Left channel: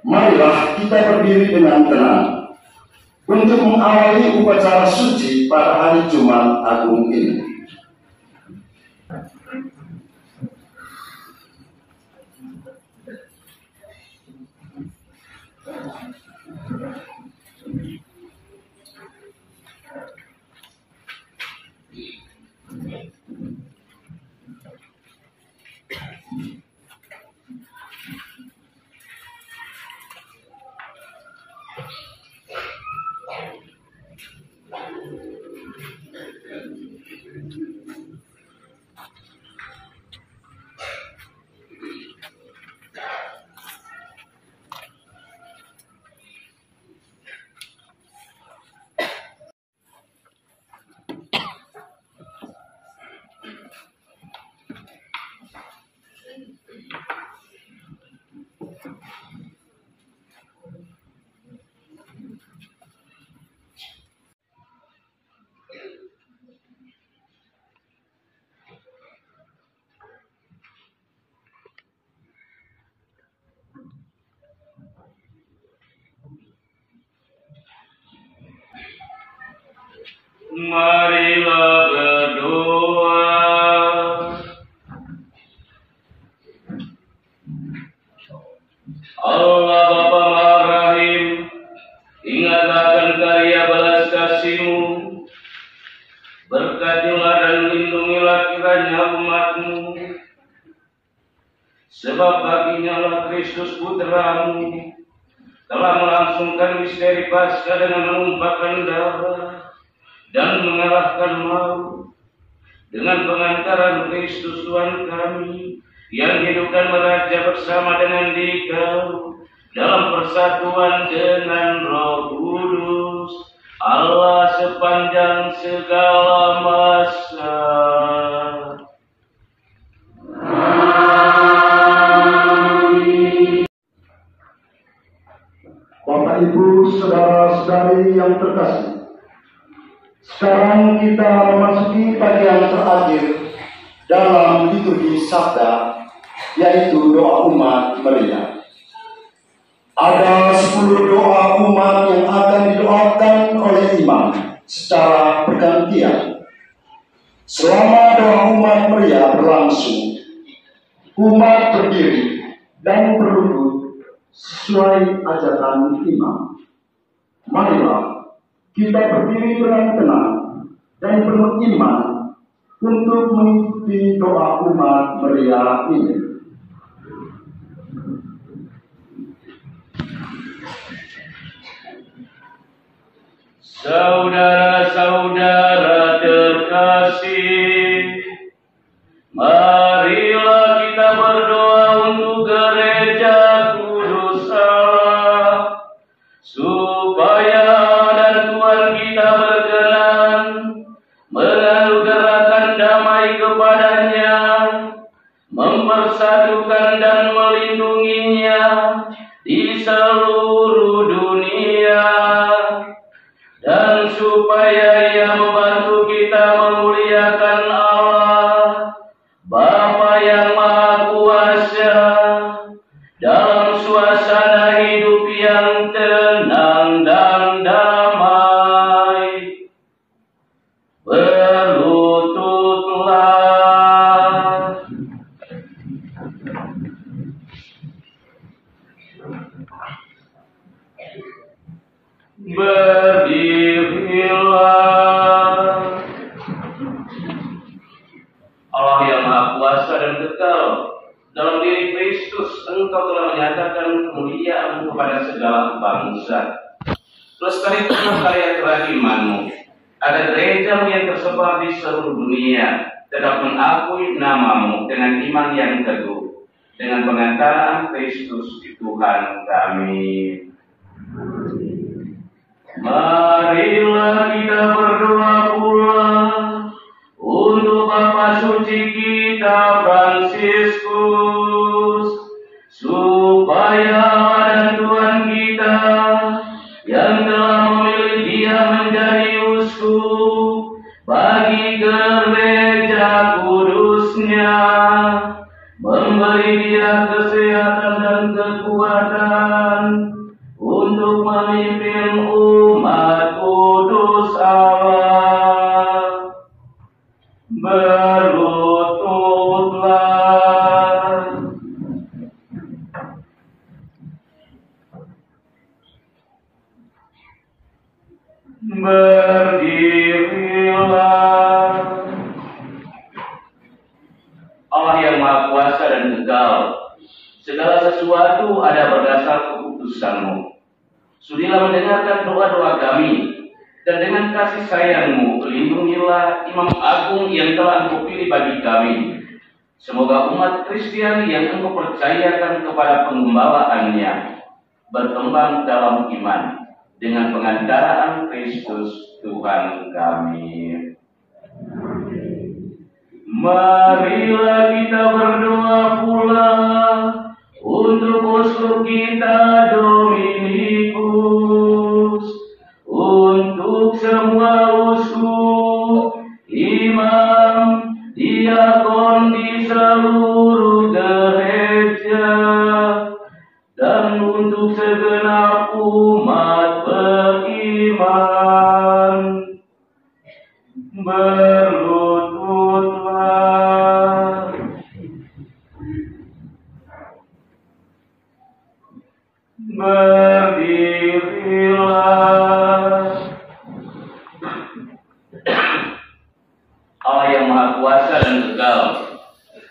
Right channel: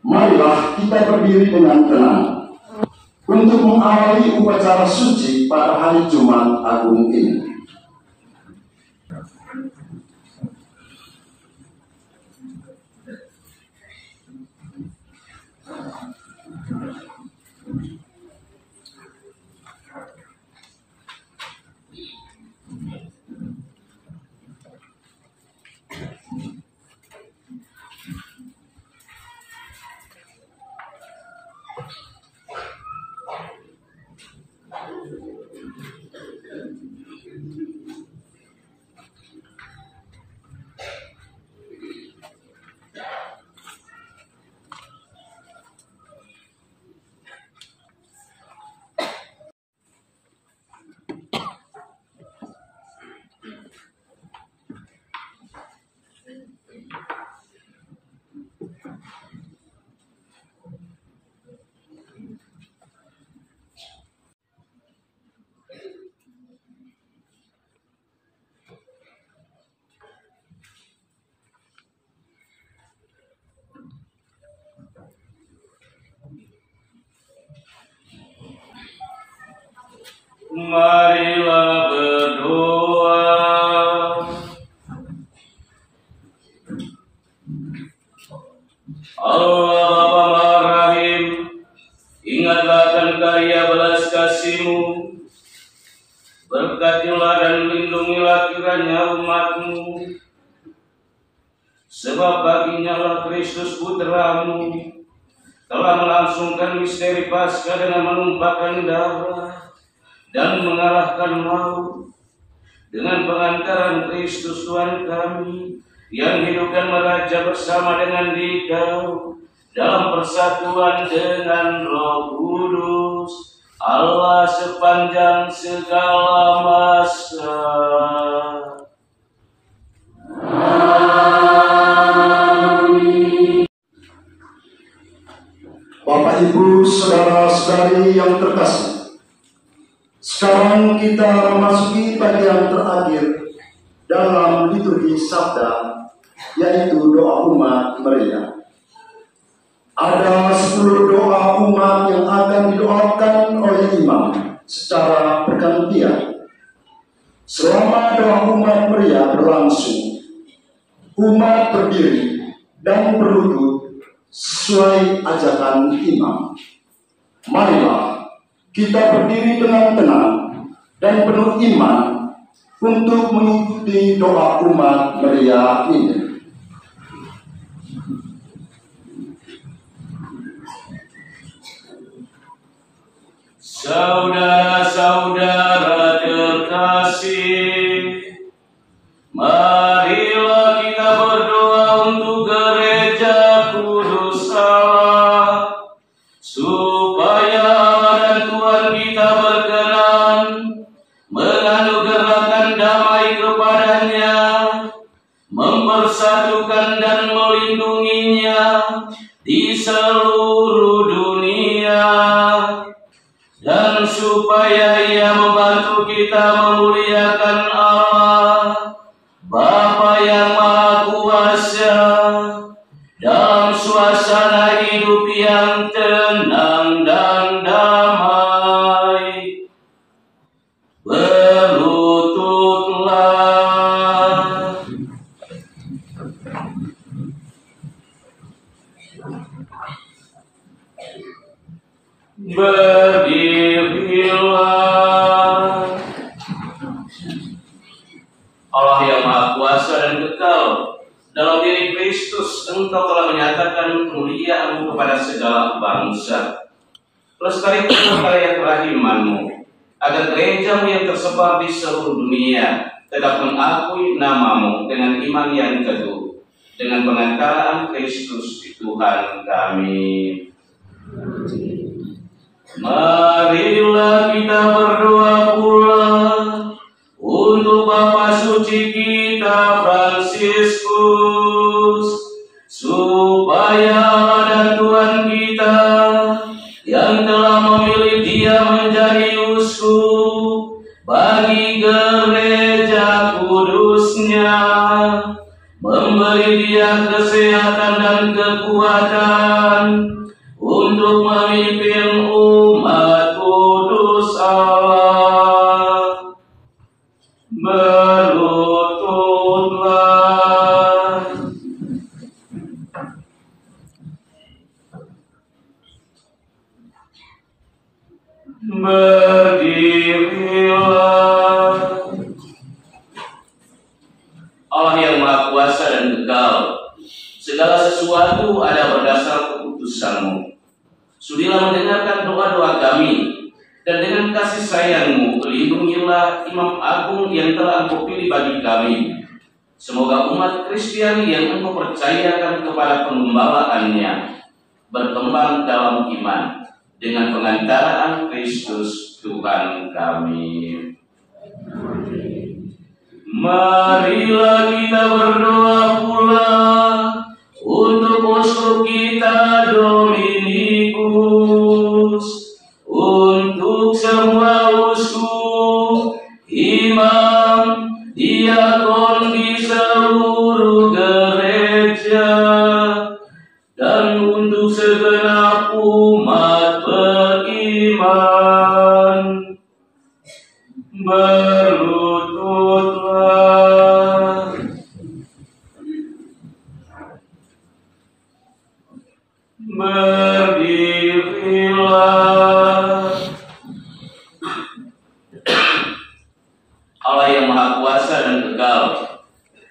Marilah kita berdiri dengan tenang untuk mengawali upacara suci pada hari Jumat Agung ini. Marilah berdoa. Allah Bapa Maha Rahim, ingatlah akan karya belas kasih-Mu, berkatilah dan lindungilah kiranya umat-Mu, sebab baginya lah Kristus Putra-Mu telah melangsungkan misteri Paskah dengan menumpahkan darah dan mengalahkan maut dengan pengantaran Kristus Tuhan kami yang hidup dan meraja bersama dengan Dikau dalam persatuan dengan Roh Kudus, Allah sepanjang segala masa. Amin. Bapak, Ibu, saudara-saudari yang terkasih, sekarang kita memasuki bagian terakhir dalam liturgi Sabda, yaitu doa umat meriah. Ada 10 doa umat yang akan didoakan oleh imam secara bergantian. Selama doa umat meriah berlangsung, umat berdiri dan berlutut sesuai ajakan imam. Marilah kita berdiri dengan tenang dan penuh iman untuk mengikuti doa umat meriah ini. Saudara-saudara terkasih, marilah kita berdoa untuk gereja kudus Allah, supaya dan Tuhan kita berkenan menganugerahkan damai kepadanya, mempersatukan dan melindunginya di seluruh dunia, dan supaya Ia membantu kita memuliakan Allah Bapa yang Maha Kuasa dalam suasana hidup yang tenang dan damai. Berlututlah. Berdirilah. Allah yang Maha Kuasa dan kekal, dalam diri Kristus Engkau telah menyatakan kemuliaan-Mu kepada segala bangsa. Lestarikan karya kerahiman-Mu, agar gereja-Mu yang tersebar di seluruh dunia tetap mengakui nama-Mu dengan iman yang teguh, dengan pengantaran Kristus Tuhan kami. Marilah kita berdoa pula untuk Bapa Suci kita Fransiskus, supaya dan Tuhan kita yang telah memilih dia menjadi uskup bagi gereja kudusnya, memberi Dia kesehatan dan kekuatan untuk memimpin umat kudus Allah. Berlututlah. Berdirilah. Allah yang Maha Kuasa dan Kekal, segala sesuatu ada berdasar keputusan-Mu. Sudilah mendengarkan doa-doa kami, dan dengan kasih sayang-Mu, lindungilah Imam Agung yang telah Engkau pilih bagi kami. Semoga umat Kristiani yang Engkau percayakan kepada penggembalaannya berkembang dalam iman dengan pengantaraan Kristus Tuhan kami. Marilah kita berdoa pula untuk uskup kita Dominikus, untuk semua uskup, imam, diakon di seluruh gereja, dan untuk segenap umat beriman. Berlututlah. Berdirilah. Allah yang Maha Kuasa dan Kekal,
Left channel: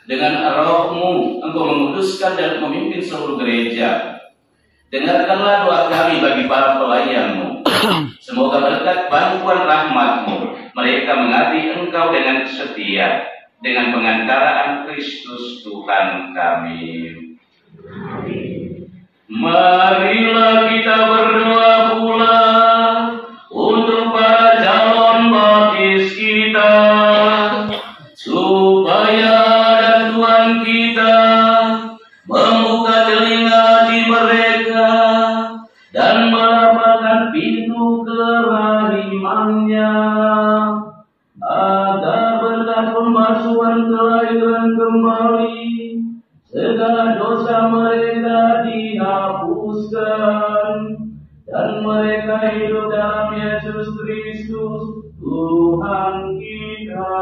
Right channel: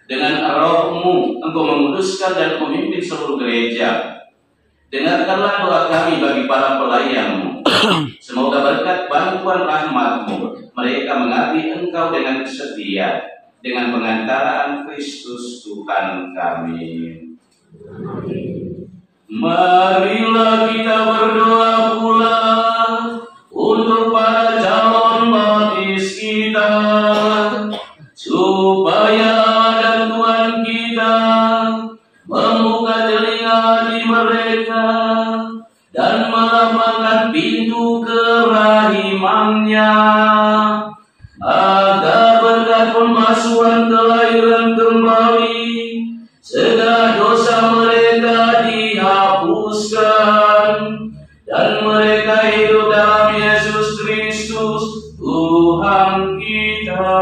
dengan Roh-Mu Engkau menguduskan dan memimpin seluruh gereja. Dengarkanlah doa kami bagi para pelayan-Mu. Semoga berkat bantuan rahmat-Mu mereka mengabdi Engkau dengan setia, dengan pengantaraan Kristus Tuhan kami. Marilah kita berdoa pula untuk para calon baptis kita, supaya dan Tuhan kita membuka telinga hati mereka dan melapangkan pintu kerahimannya, agar berkat pembasuhan kelahiran kembali segala dosa mereka dihapuskan, dan mereka hidup dalam Yesus Kristus Tuhan kita.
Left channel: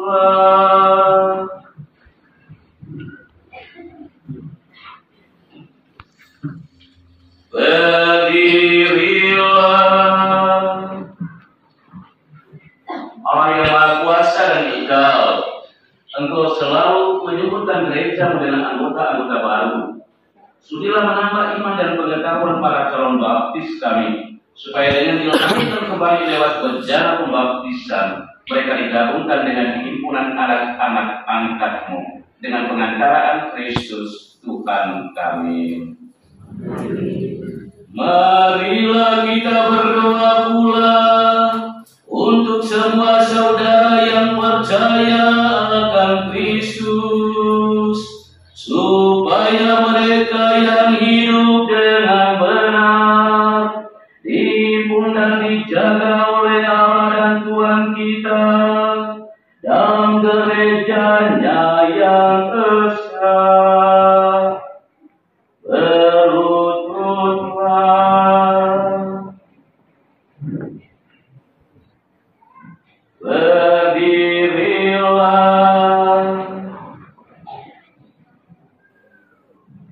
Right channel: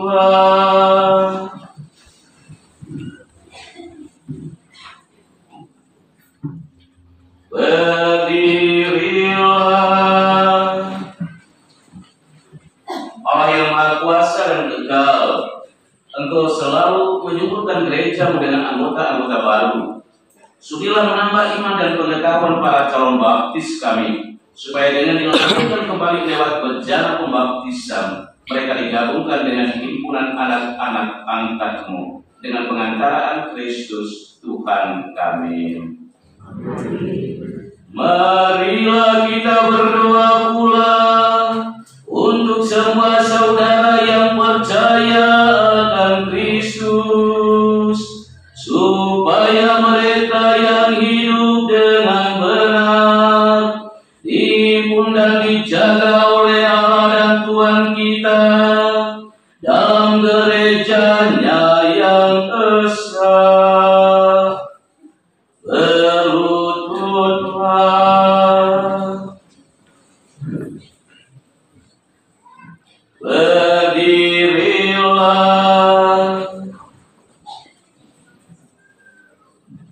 Berlututlah. Berdirilah. Allah yang Maha Kuasa dan Kekal, Engkau selalu menyuburkan gereja-Mu dengan anggota-anggota baru. Sudilah menambah iman dan pengetahuan para calon baptis kami, supaya dengan dilakukan kembali lewat berjalan pembaptisan, mereka digabungkan dengan himpunan anak-anak angkat-Mu dengan pengantaraan Kristus Tuhan kami. Marilah kita berdoa pula untuk semua saudara yang percaya akan Kristus, supaya mereka yang hidup dengan benar dihimpun dan dijaga oleh Allah dan Tuhan kita dalam gerejanya yang esa. Berlututlah. Berdirilah.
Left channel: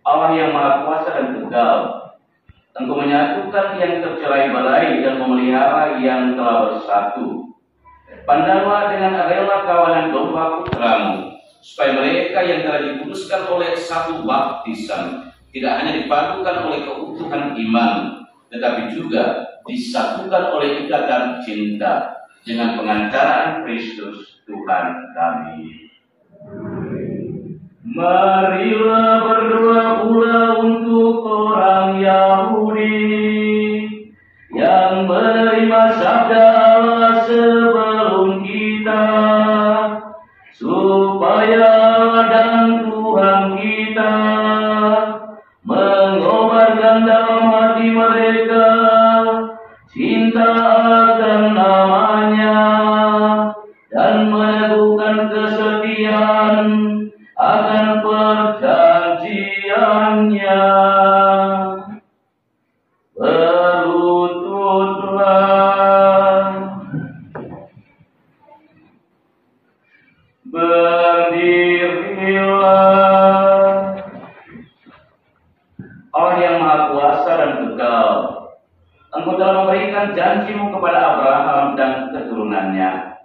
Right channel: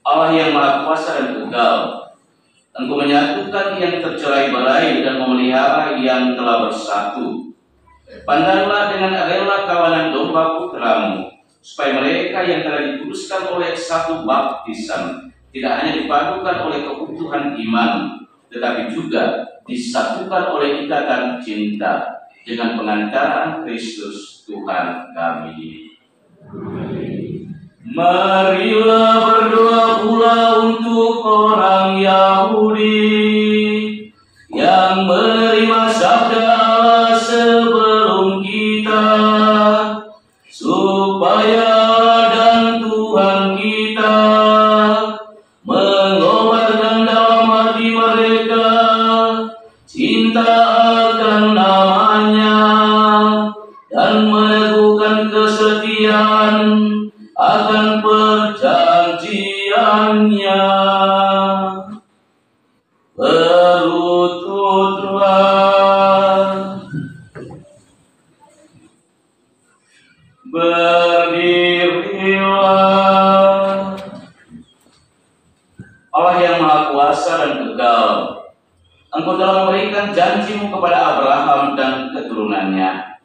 Allah yang Maha Kuasa dan Kekal, Engkau menyatukan yang tercerai berai dan memelihara yang telah bersatu. Pandanglah dengan rela kawanan domba putra-Mu, supaya mereka yang telah dikuduskan oleh satu baptisan tidak hanya dipadukan oleh keutuhan iman, tetapi juga disatukan oleh ikatan cinta dengan pengantaraan Kristus Tuhan kami. Marilah berdoa pula untuk orang Yahudi yang menerima sabda Allah sebelum kita, supaya dan Tuhan kita mengobarkan dalam hati mereka cinta akan namanya dan meneguhkan kesetiaan akan perjanjiannya. Berlututlah, berdirilah. Allah yang Maha Kuasa dan Kekal, Engkau telah memberikan janji-Mu kepada Abraham dan keturunannya.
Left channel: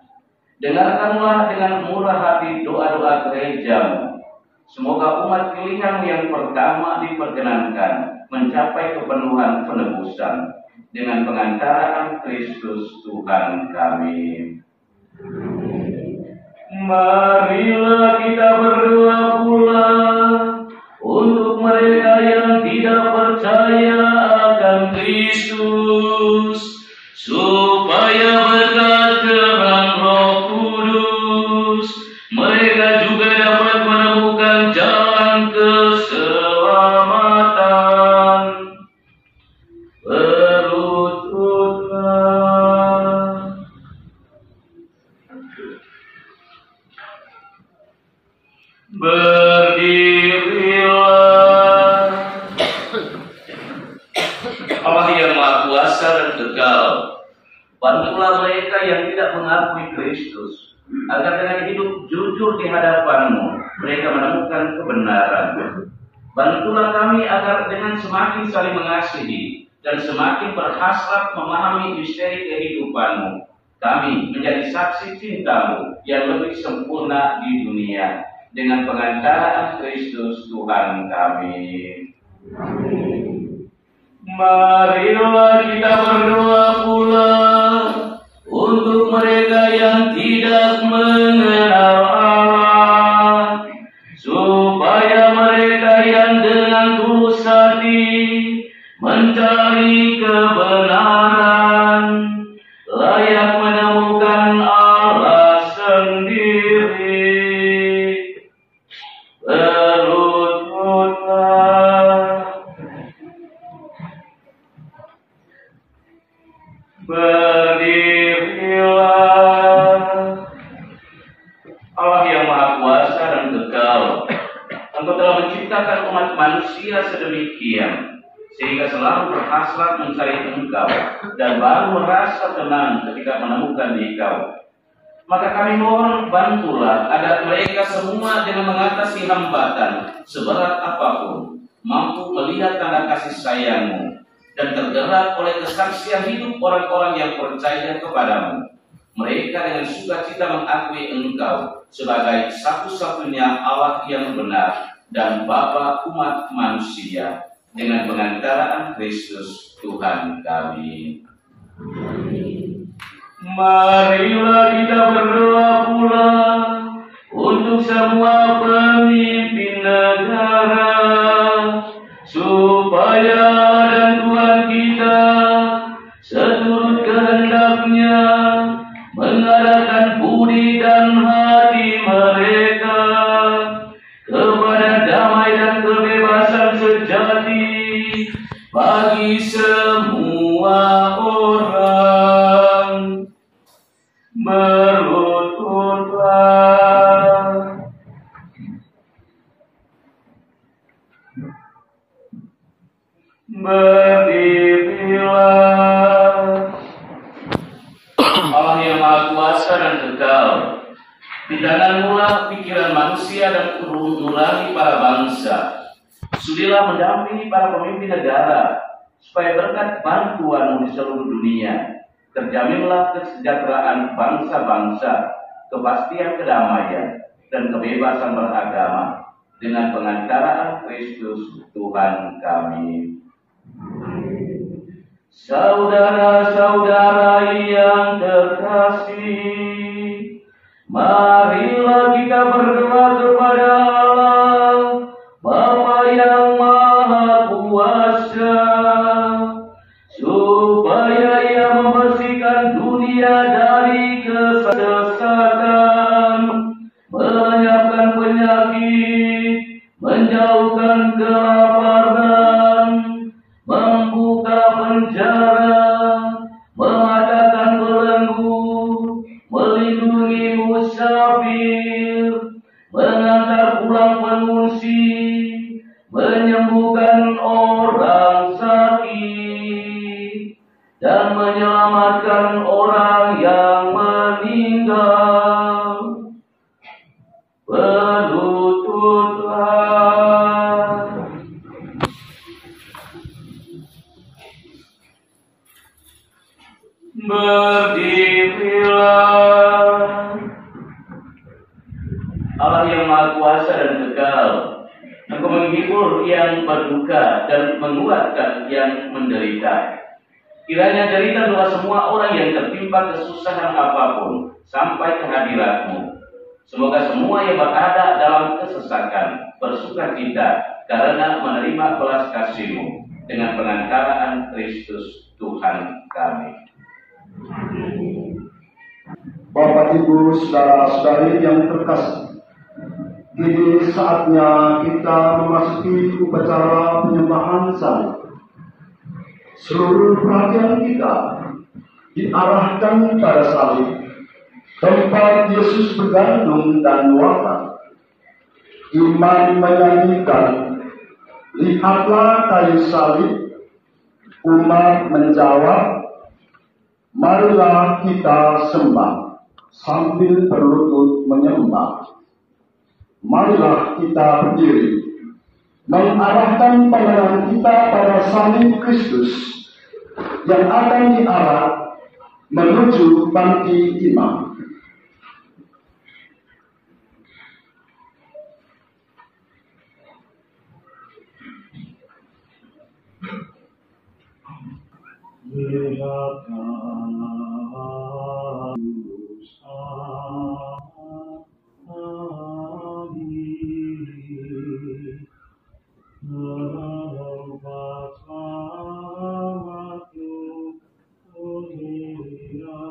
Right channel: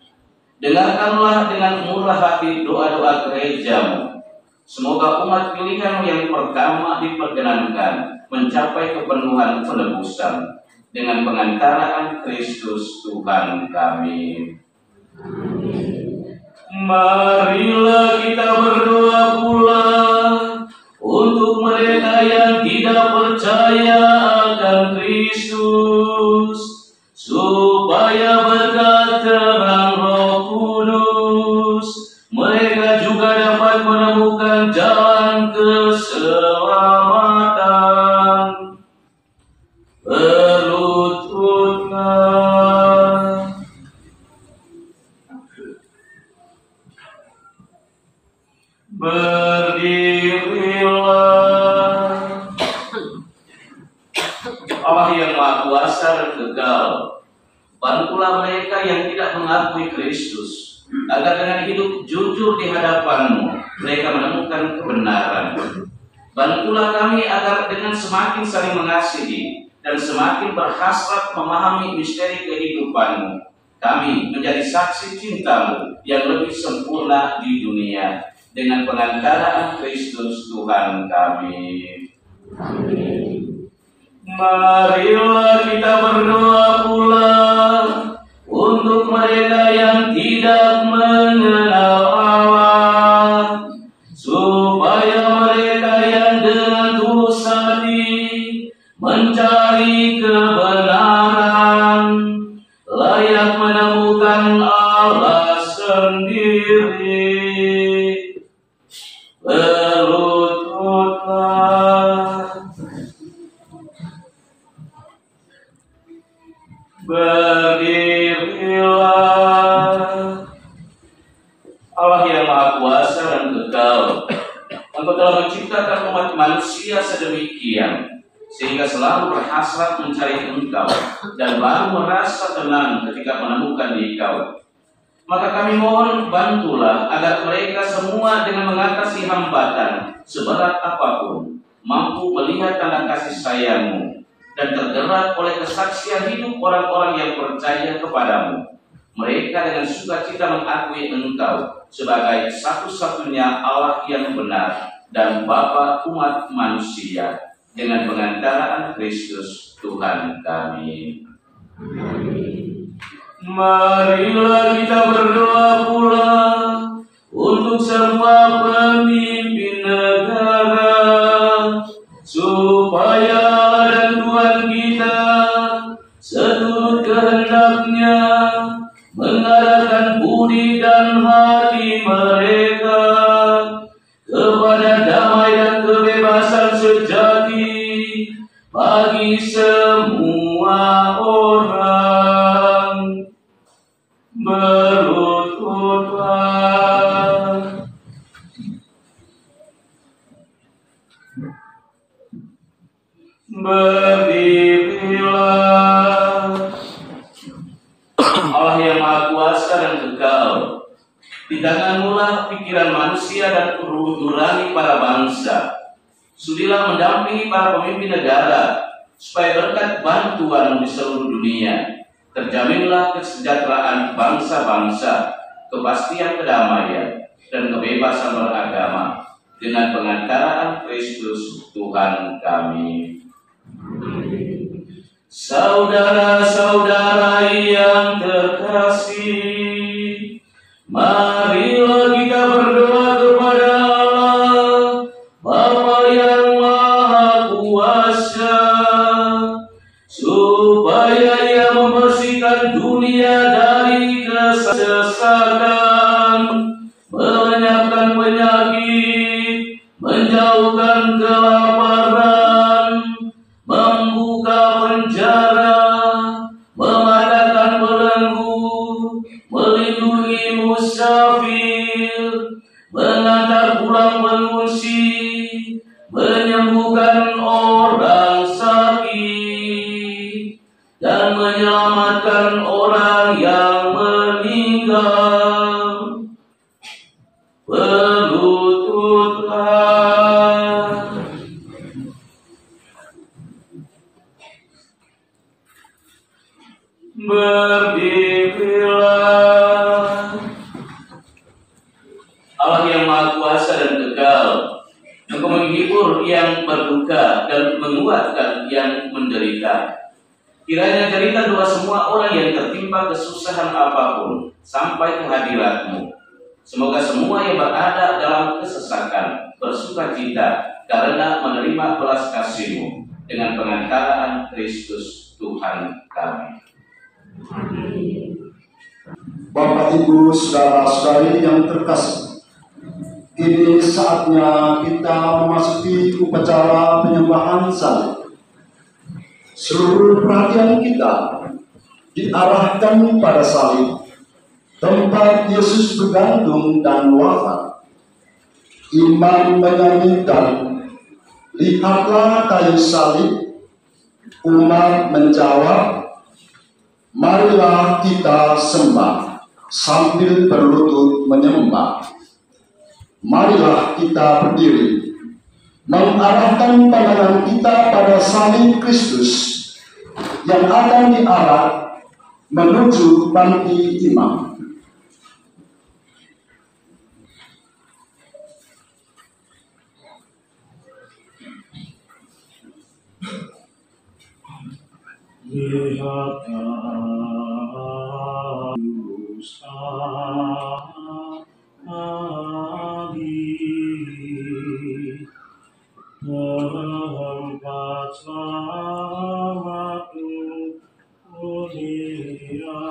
Dengarkanlah dengan murah hati doa-doa gereja-Mu. Semoga umat pilihan-Mu yang pertama diperkenankan mencapai kepenuhan penebusan dengan pengantaraan Kristus Tuhan kami. Marilah kita berdoa pula untuk mereka yang tidak percaya akan Kristus, supaya berkat terang Roh Kudus mereka juga dapat menemukan jalan keselamatan. Berlututlah, berdirilah. Allah yang Maha Kuasa dan Kekal, bantulah mereka yang tidak mengakui Kristus, agar dengan hidup jujur di hadapan-Mu mereka menemukan kebenaran. Bantulah kami agar dengan semakin saling mengasihi dan semakin berhasrat memahami misteri kehidupan-Mu, kami menjadi saksi cinta-Mu yang lebih sempurna di dunia dengan pengantaraan Kristus Tuhan kami. Marilah kita berdoa pula untuk mereka yang tidak mengenal Allah, supaya mereka yang dengan tulus hati mencari kebenaran layak menemukan Allah sendiri. Berlututlah, berdirilah. Allah yang Maha Kuasa dan Kekal, Engkau telah menciptakan umat manusia sedemikian sehingga selalu berhasrat mencari Engkau dan baru merasa tenang ketika menemukan Engkau. Maka kami mohon bantulah agar mereka semua dengan mengatasi hambatan seberat apapun mampu melihat tanda kasih sayang-Mu dan tergerak oleh kesaksian hidup orang-orang yang percaya kepadamu. Mereka dengan sukacita mengakui Engkau sebagai satu-satunya Allah yang benar dan Bapa umat manusia dengan pengantaraan Kristus Tuhan kami. Marilah kita berdoa pula untuk semua pemimpin negara, supaya dan Tuhan kita seturut kehendak-Nya mengarahkan budi dan hati mereka kepada damai dan kebebasan sejati bagi semua orang. Berlututlah, berdirilah. Allah yang Maha Kuasa dan Kekal, di tangan-Mu pikiran manusia dan nurani para bangsa. Sudilah mendampingi para pemimpin negara, supaya berkat bantuan-Mu di seluruh dunia terjaminlah kesejahteraan bangsa-bangsa, kepastian kedamaian, dan kebebasan beragama dengan pengantaraan Kristus Tuhan kami. Saudara-saudara yang terkasih, marilah kita berdoa kepada Allah, Bapa yang Maha Kuasa, supaya Ia membersihkan dunia dari kesesatan, melenyapkan penyakit, menjauhkan kelaparan, membuka penjara, mengadakan belenggu, melindungi musafir, mengantar pulang pengungsi, menyembuhkan orang sakit, dan menyelamatkan orang yang meninggal. Berlututlah. Berdirilah. Allah yang Maha Kuasa dan kekal, Engkau menghibur yang berduka dan menguatkan yang menderita. Kiranya cerita doa semua orang yang tertimpa kesusahan apapun sampai ke hadirat-Mu. Semoga semua yang berada dalam kesesakan bersukacita karena menerima belas kasih-Mu dengan pengantaraan Kristus Tuhan kami. Bapak, Ibu, saudara-saudari yang terkasih, kini saatnya kita memasuki upacara penyembahan salib. Seluruh perhatian kita diarahkan pada salib, tempat Yesus bergantung dan wafat. Imam menyanyikan, "Lihatlah kayu salib." Umat menjawab, "Marilah kita sembah," sambil berlutut menyembah. Marilah kita berdiri, mengarahkan pandangan kita pada salib Kristus yang akan diarah menuju panti imam. Tempat selamat dunia,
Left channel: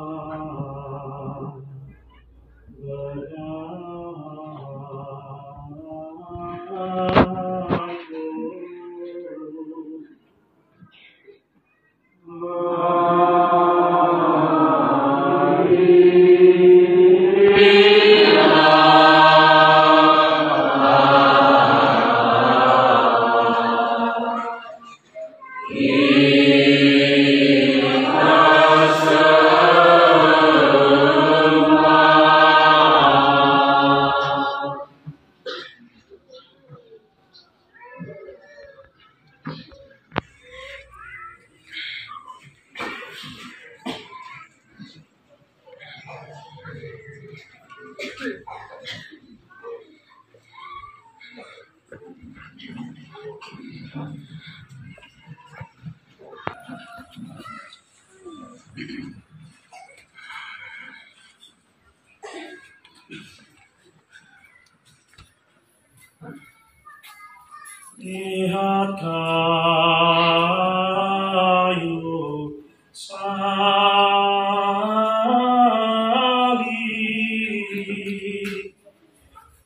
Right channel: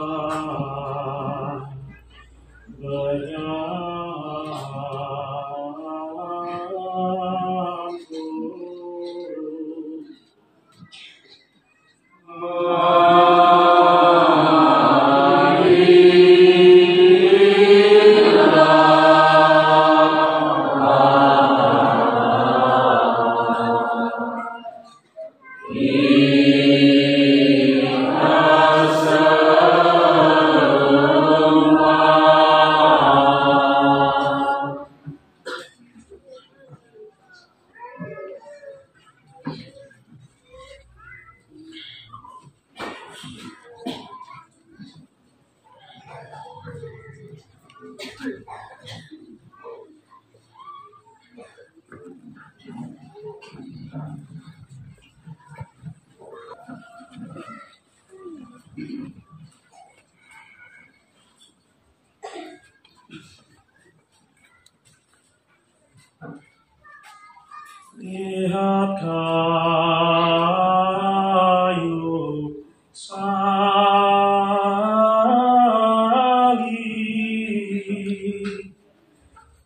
lihat kayu salib,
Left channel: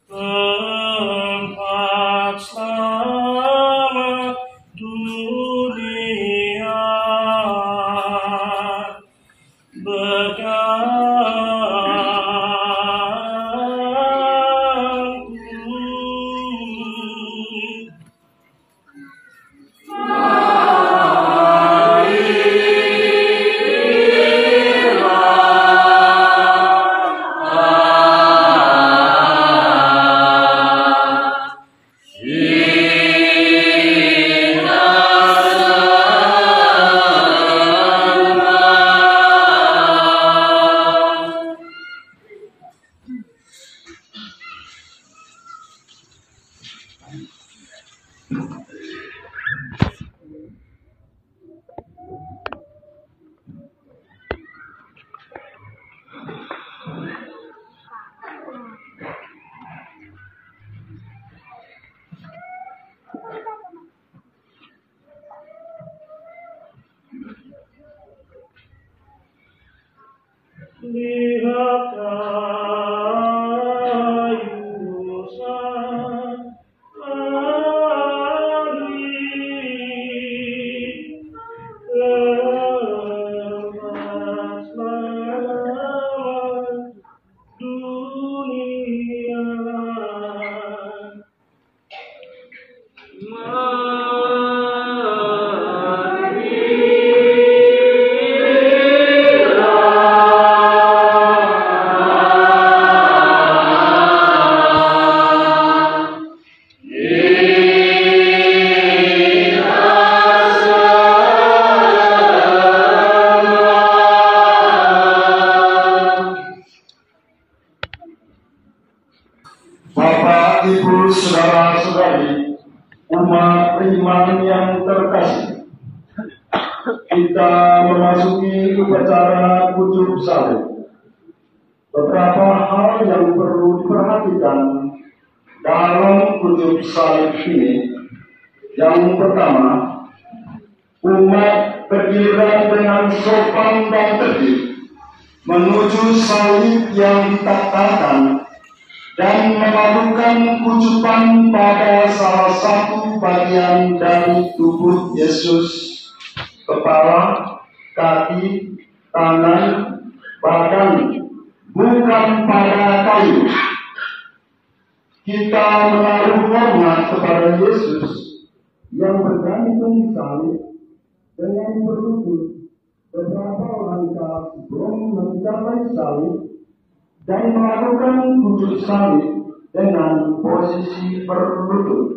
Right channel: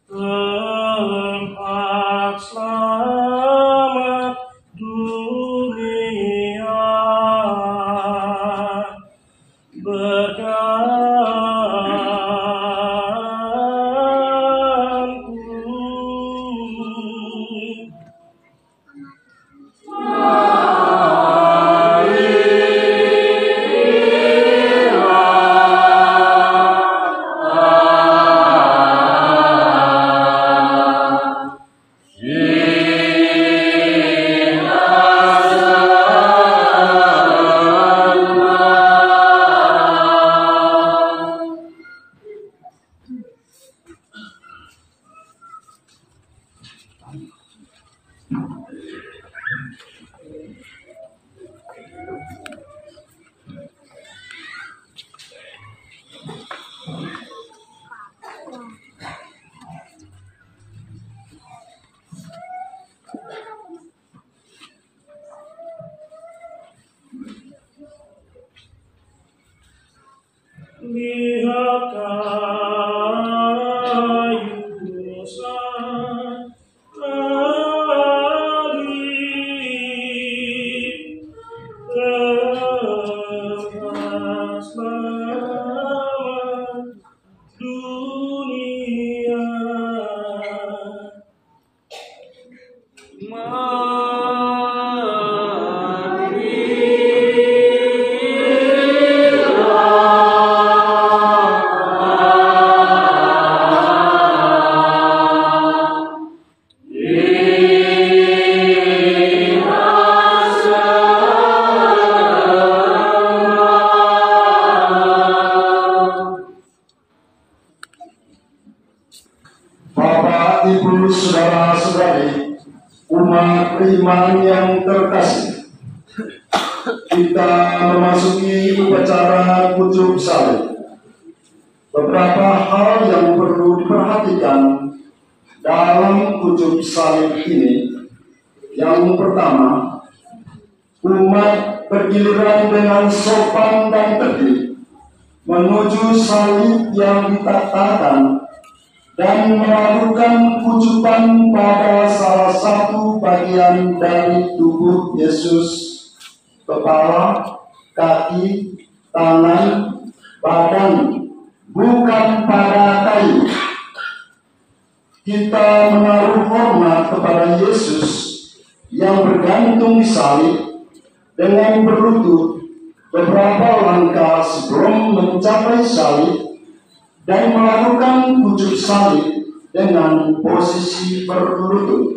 tempat selamat dunia, Bapak, Ibu, saudara-saudari, umat beriman yang terkasih, kita memasuki upacara kucuk salib. Beberapa hal yang perlu diperhatikan dalam kucuk salib ini. Yang pertama, umat bergiliran dengan sopan dan tertib menuju salib yang ditaktakan dan melakukan kucupan pada salah satu bagian dari tubuh Yesus, kepala, kaki, tangan, badan, bukan pada kayu. Kita menaruh hormat kepada Yesus yang bergantung di salib dengan berlutut beberapa langkah sebelum mencapai salib dan melakukan kucuk salib dengan posisi berlutut.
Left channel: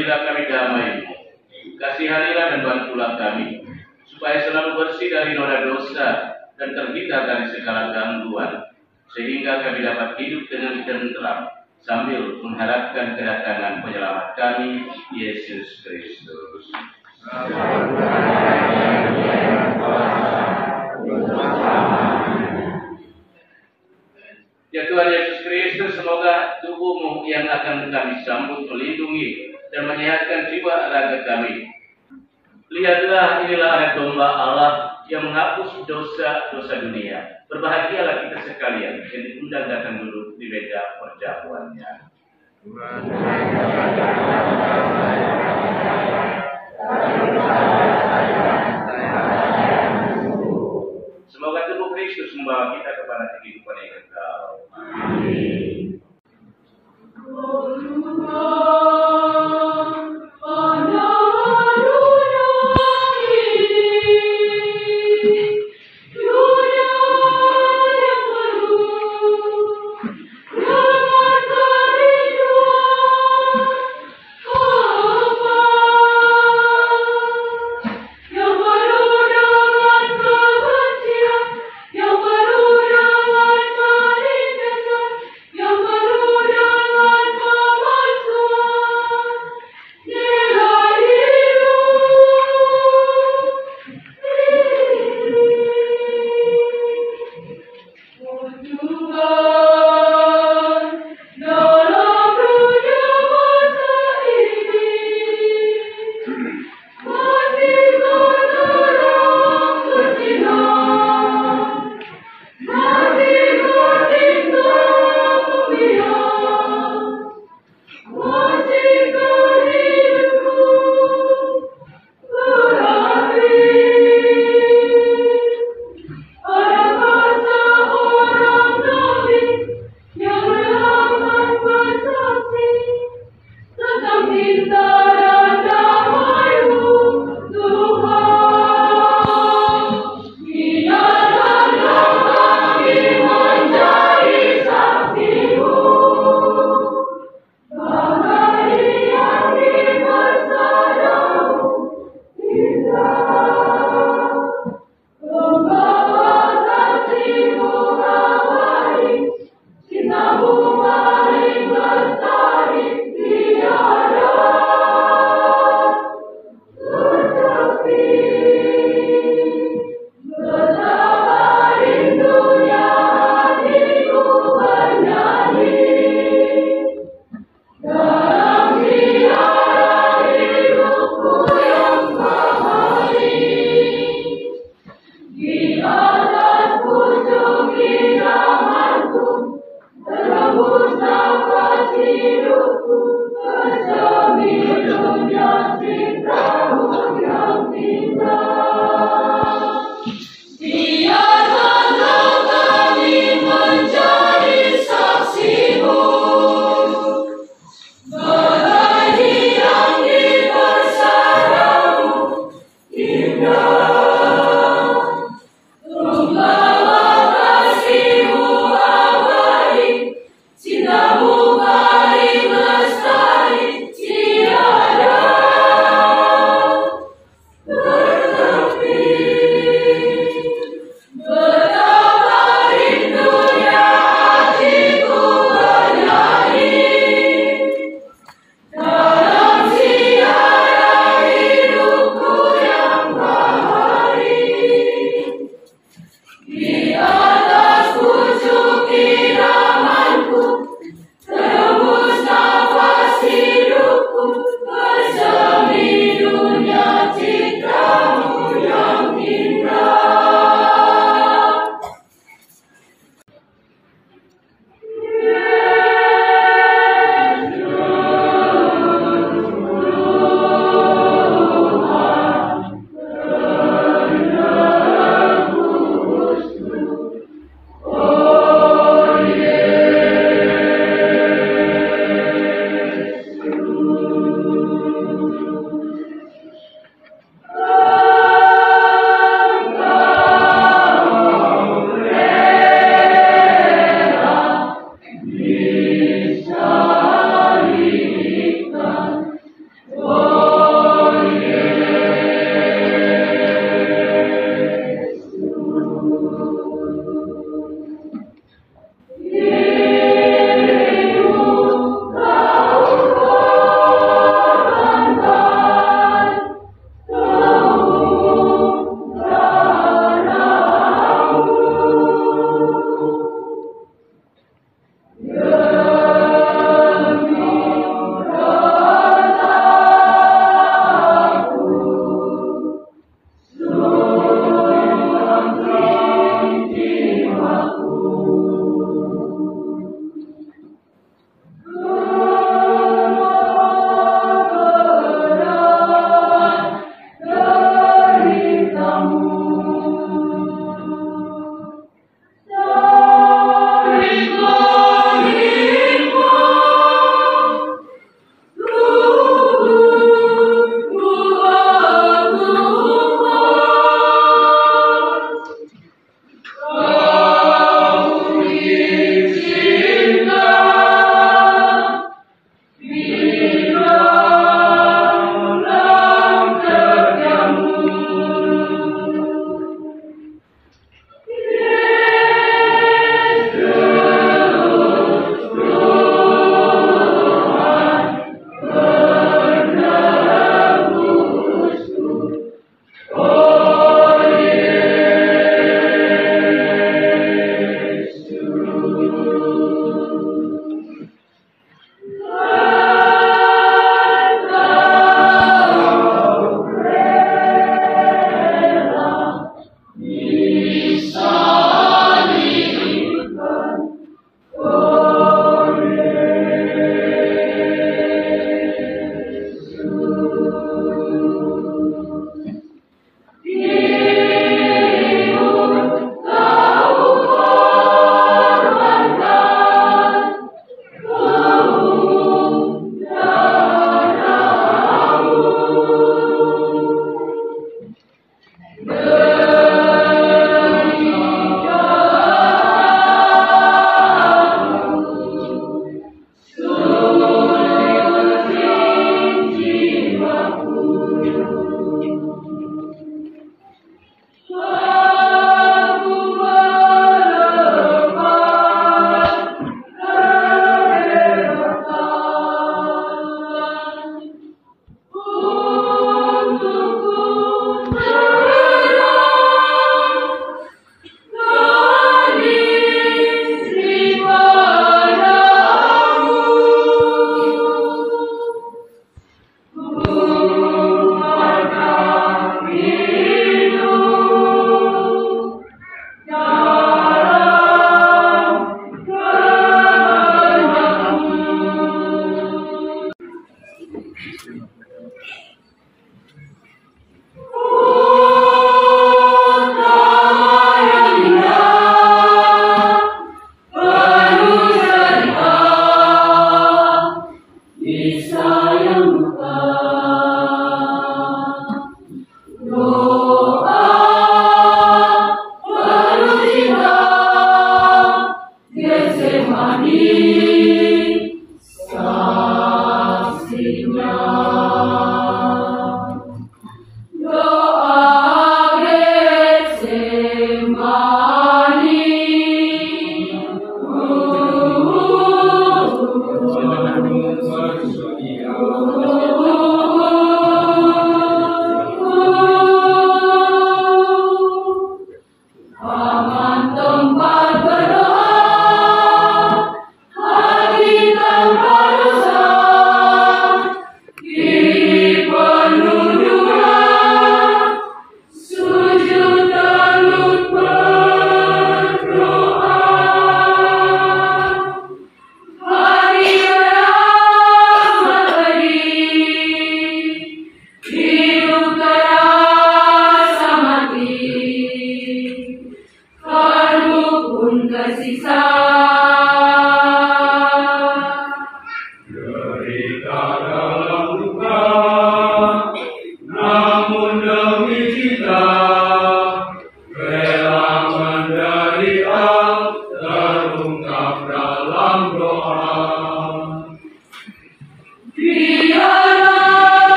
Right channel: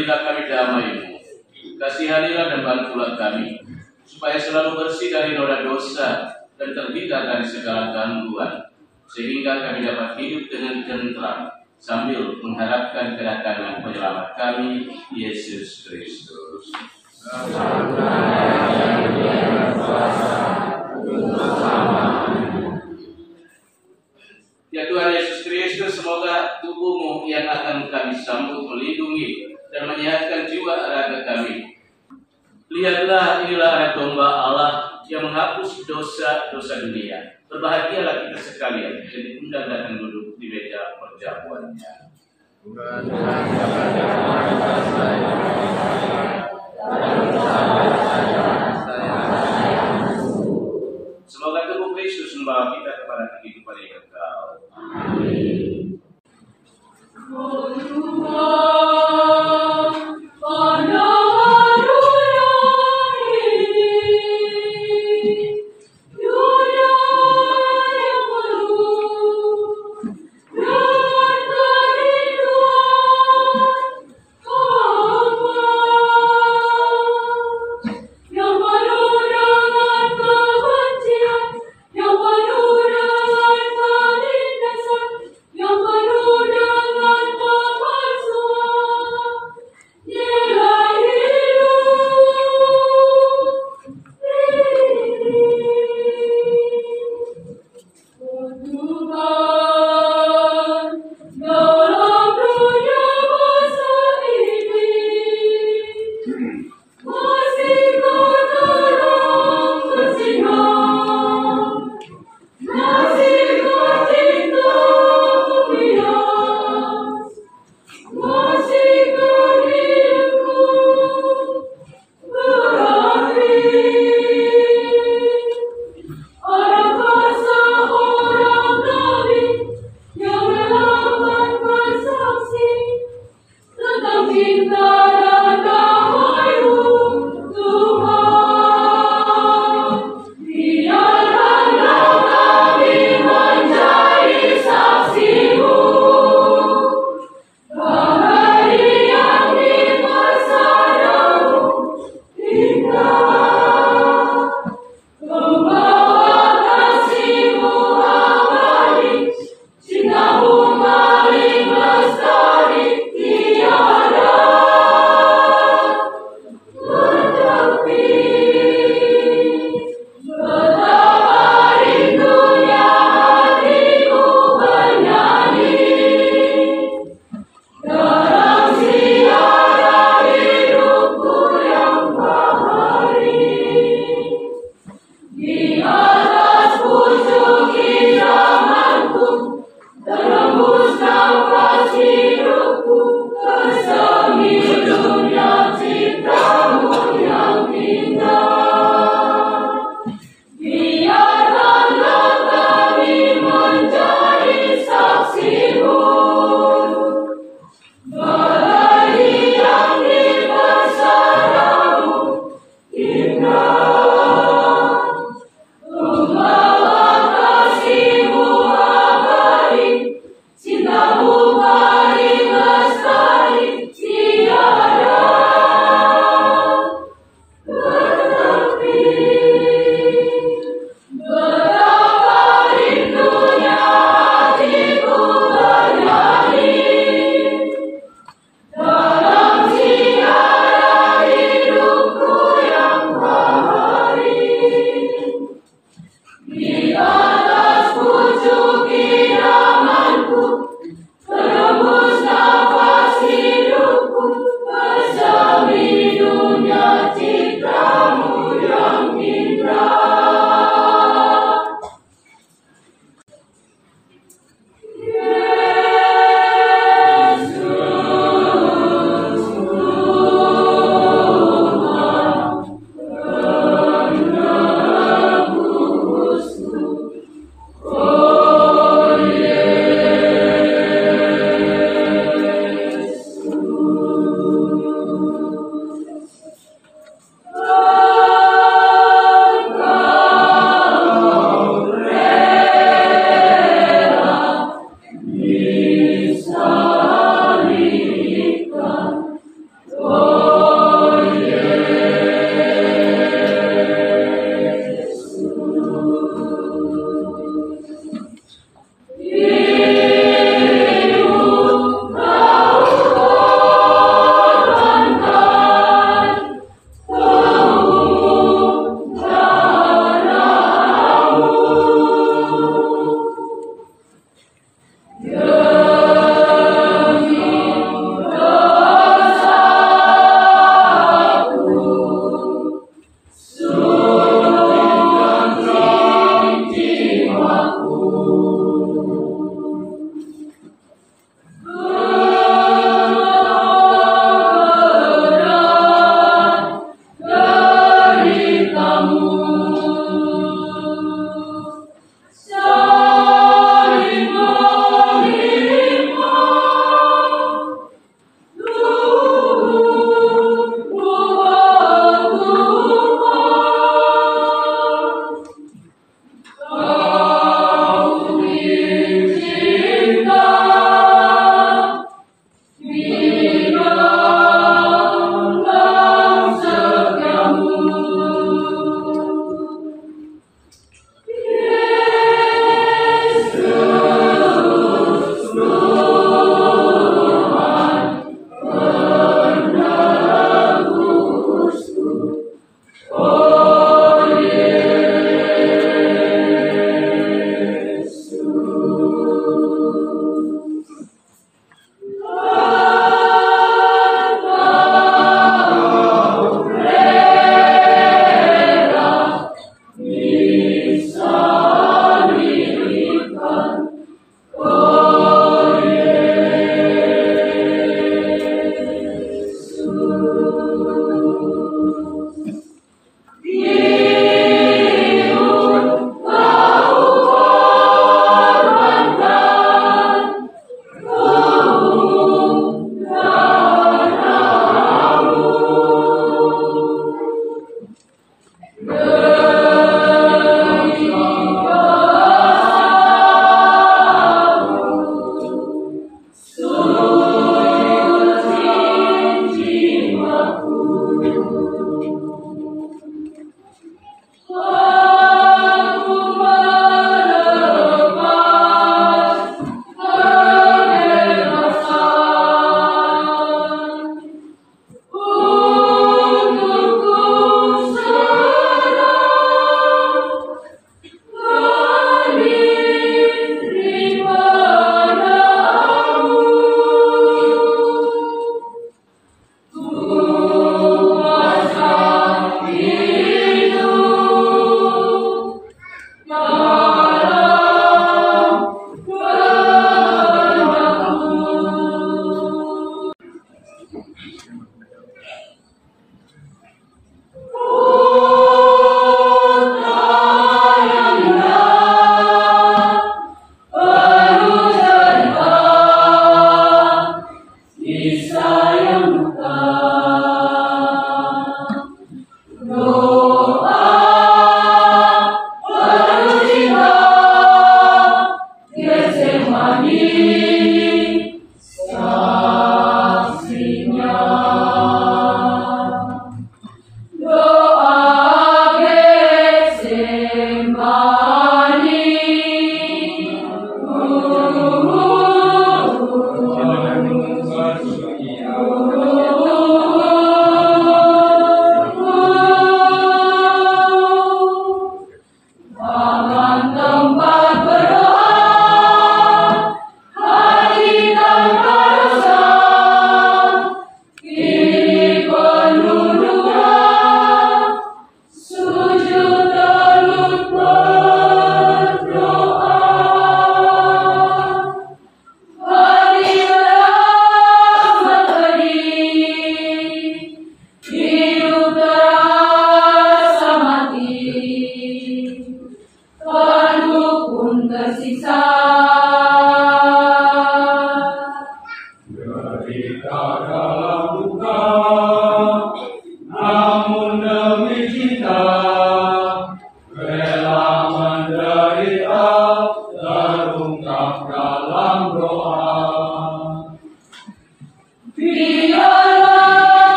berilah kami damai-Mu. Kasihanilah dan bantulah kami, supaya selalu bersih dari noda dosa dan terhindar dari segala gangguan, sehingga kami dapat hidup dengan tentram sambil mengharapkan kedatangan penyelamat kami, Yesus Kristus. Ya Tuhan Yesus Kristus, semoga tubuh-Mu yang akan kami sambut melindungi dan menyehatkan jiwa raga kami. Lihatlah, inilah anak domba Allah yang menghapus dosa-dosa dunia. Berbahagialah kita sekalian yang diundang datang duduk di meja perjamuannya. Semoga tubuh Kristus membawa kita kepada kehidupan yang kekal. Amin. Oh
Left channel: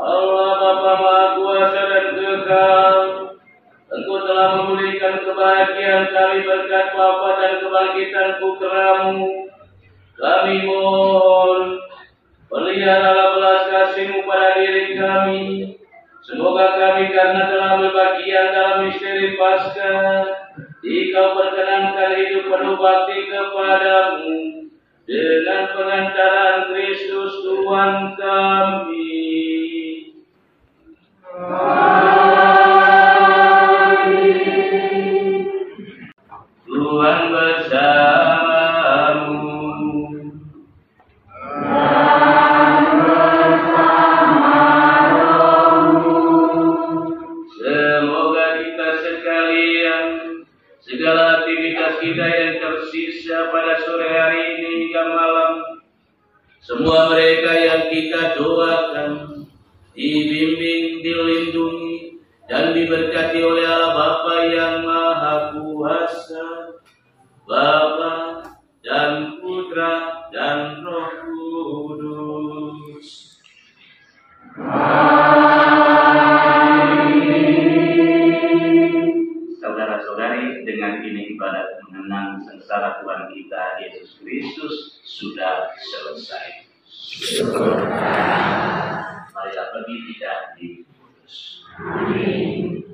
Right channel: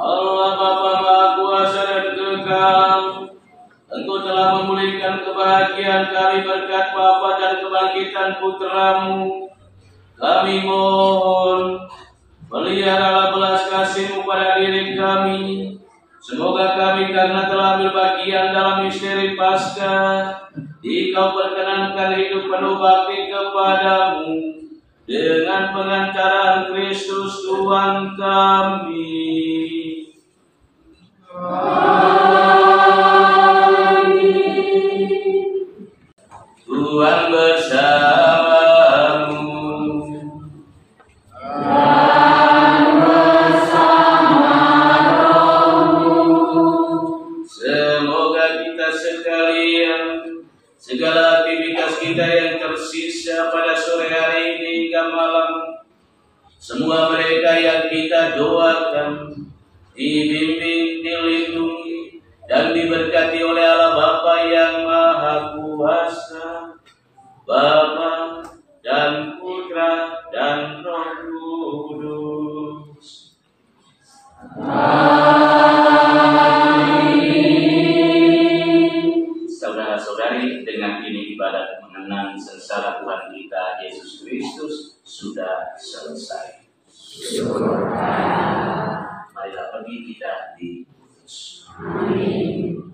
Allah Bapa Maha Kuasa dan Kekal, Engkau telah memulihkan kebahagiaan kami berkat wafat dan kebangkitan Putra-Mu. Kami mohon, peliharalah belas kasih-Mu pada diri kami. Semoga kami karena telah berbagian dalam misteri Paskah, Engkau perkenankan hidup penuh bakti kepadamu dengan pengantaran Kristus Tuhan kami. Tuhan bersamamu. Semoga kita sekalian, segala aktivitas kita yang tersisa pada sore hari ini hingga malam, semua mereka yang kita doakan, dibimbing, dilindungi, dan diberkati oleh Allah Bapa yang Maha Kuasa, Bapa dan Putra dan Roh Kudus. Amin. Saudara-saudari, dengan ini ibadat mengenang sengsara Tuhan kita Yesus Kristus sudah selesai. Syukur. Marilah pergi kita diputus. Amin.